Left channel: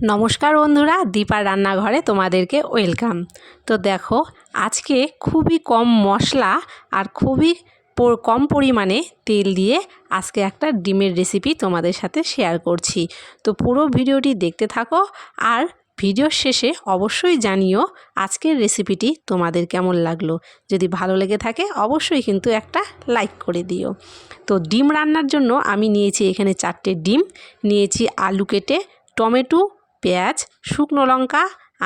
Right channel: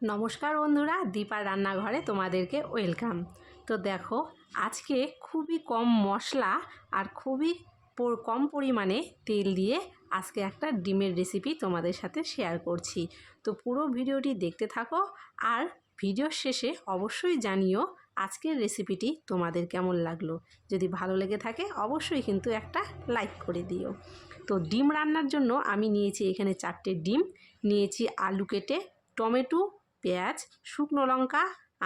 নমস্কার বন্ধুরা, দীপার রান্নাঘরে তোমাদেরকে ওয়েলকাম। তো দেখো, আজকে খুবই কম মশলা আর খুবই কম পরিমাণে তেল দিয়ে আজকে একটা ডিমের রেসিপি তোমাদের সাথে শেয়ার করছি। তো পুরো ভিডিওটি দেখতে থাকো আর ভিডিওর শেষে অবশ্যই জানিও আজকের রেসিপিটি তোমাদের কেমন লাগলো। যদি ভালো লেগে থাকে অবশ্যই কিন্তু একটা লাইক করে দিও। তো ডিম রান্নার জন্য আমি নিয়েছি এখানে 4টে ডিম, নিয়েছি আলু কেটে, টমেটো, পেঁয়াজ, শুকনো লঙ্কা,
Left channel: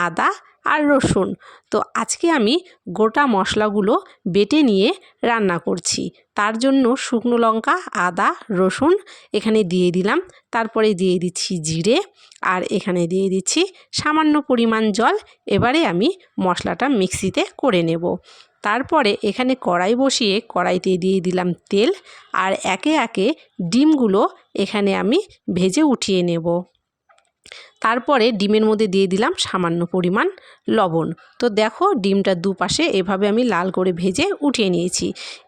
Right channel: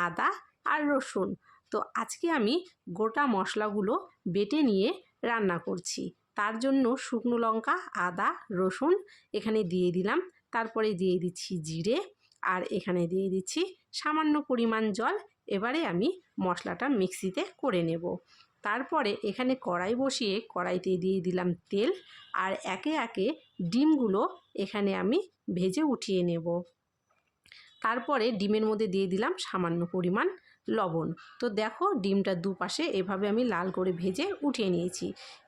আদা আর রসুন। তো আজকে আমি গোটা মশলাগুলো বেটে নিয়ে রান্না করছি। তার জন্য শুকনো লঙ্কা, আদা, রসুন এখানে দিয়ে দিলাম। তারপরে দিয়ে দিচ্ছি জিরে আর এখানে দিয়ে দিচ্ছি সামান্য পরিমাণ জল। এবারে আমি মশলাটা মিক্সিতে করে নেব। তারপরে এখানে কড়াই বসিয়ে কড়াইতে দিয়ে দিলাম তেল আর একে একে ডিমগুলো এখানে আমি ভেজে উঠিয়ে নেব। তারপরে ডিমের মধ্যে দিয়ে দিলাম সামান্য পরিমাণ লবণ। তো দেখো, ডিমটা দুপাশে এভাবে আমি লাল করে ভেজে উঠিয়ে নিয়েছি।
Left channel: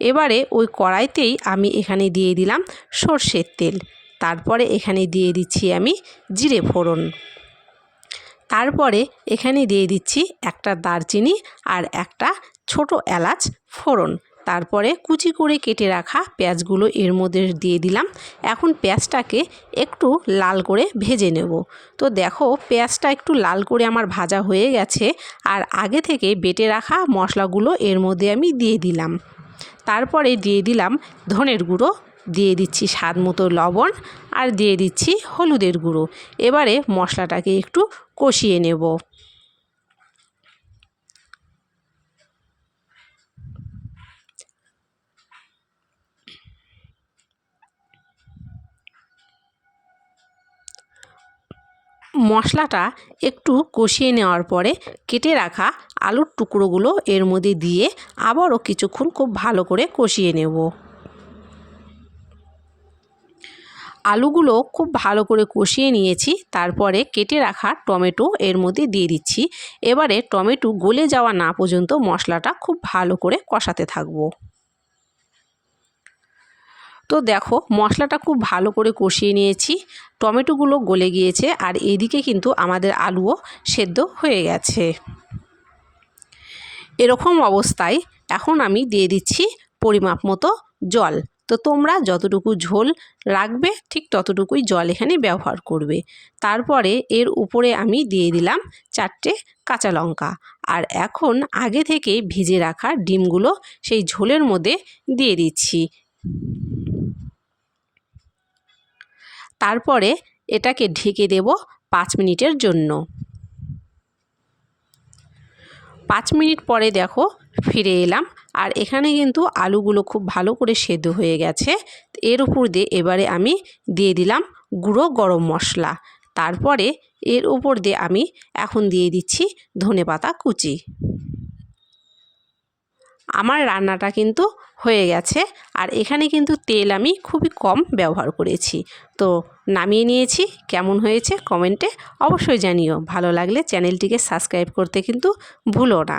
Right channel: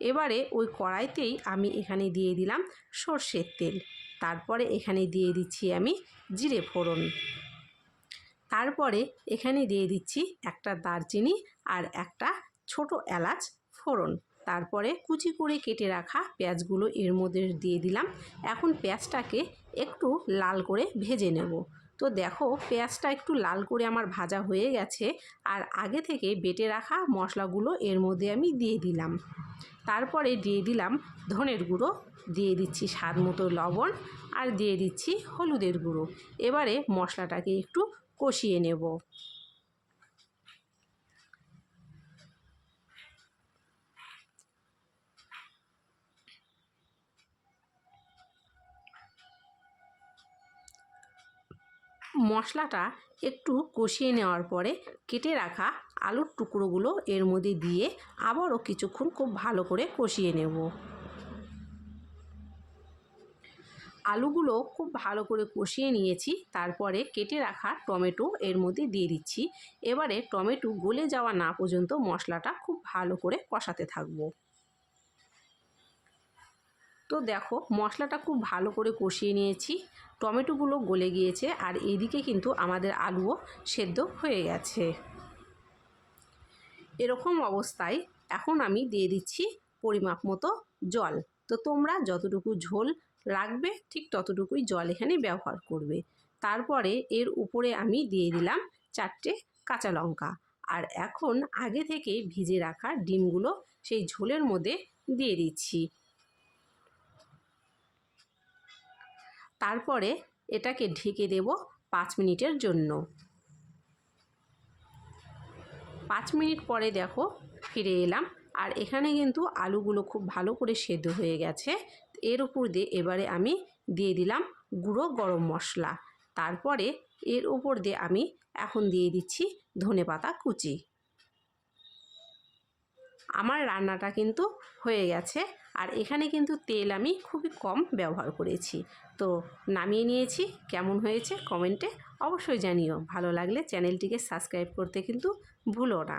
এবারে ওই কড়াইতেই আমি এখানে দিয়ে দিলাম সর্ষের তেল। তারপরে এখানে দিয়ে দিচ্ছি আমি জিরে ফোড়ন। তারপরে এখানে দিয়ে দিচ্ছি একটা দারচিনি আর একটা ছোট এলাচ ফোড়ন। তারপরে কুচি করে কেটে রাখা পেঁয়াজগুলো এর মধ্যে দিয়ে দিলাম। এখন পেঁয়াজটাকে একটু লাল করে ভেজে নেব। তো দেখো, পেঁয়াজটা একটু লাল করে আমার ভাজা হয়ে গেছে আর আগে থেকে বেটে রাখা মশলাগুলো এর মধ্যে আমি দিয়ে দিলাম। তারপরে দিয়ে দিলাম ধনের গুঁড়ো, দিয়ে দিচ্ছি স্বাদ মতো লবণ আর দিয়ে দিচ্ছি হলুদের গুঁড়ো। এবারে মশলাটাকে একটু কষিয়ে নেব। মশলাটা একটু কষিয়ে নেওয়ার পরে কেটে রাখা আলুর টুকরোগুলো এর মধ্যে দিয়ে আবারও কিছুক্ষণ খুব ভালো করে কষিয়ে নেব। আলুগুলো খুব ভালো করে কষিয়ে নিয়েছি। তারপরে কেটে রাখা টমেটো এর মধ্যে দিয়ে দিচ্ছি। এবারে টমেটো গলে যাওয়া না পর্যন্ত মশলাটা খুব ভালো করে কষাতে থাকবো। তো দেখো, মশলাটা খুব ভালো করে কষিয়ে নিয়েছি, টমেটোগুলো গলে গিয়েছে আর এদিকে কিন্তু আমাদের আলুও সেদ্ধ হয়ে গেছে। এরকম অবস্থায় এখন আমি দিয়ে দিচ্ছি পরিমাপ মতো জল। তো তোমরা যতটুকু ঝোল রাখবে ঠিক ততটুকুই জল এখানে ব্যবহার করবে। তারপরে এর উপরে আমি দিয়ে দিলাম 4টে কাঁচা লঙ্কা আর এখন আগে থেকে ভিজে রাখা ডিমগুলো সেই ঝোলের মধ্যে দিয়ে দিচ্ছি। তারপরে এটাকে ঢেকে দেব 5 মিনিটের জন্য। 5 মিনিট পরে দেখো ফিরে এলাম আর এখানে কিন্তু আলুগুলো খুব ভালো করে সেদ্ধ হয়ে গেছে। এর উপর দিয়ে এবারে আমি দিয়ে দিলাম গুঁড়ো গরম মশলা। তারপরে এর উপর দিয়ে আমি এখন দিয়ে দিচ্ছি ধনেপাতা কুচি। আমার রান্নাটা কিন্তু হয়ে গেছে আর এখানে কিন্তু তেল আমি খুবই কম ব্যবহার করেছি। তো নামিয়ে নিয়েছি। কেমন হয়েছে কমেন্টে অবশ্যই জানিও। ভালো লাগলে চ্যানেলটিকে সাবস্ক্রাইব করতে কিন্তু ভুলো না।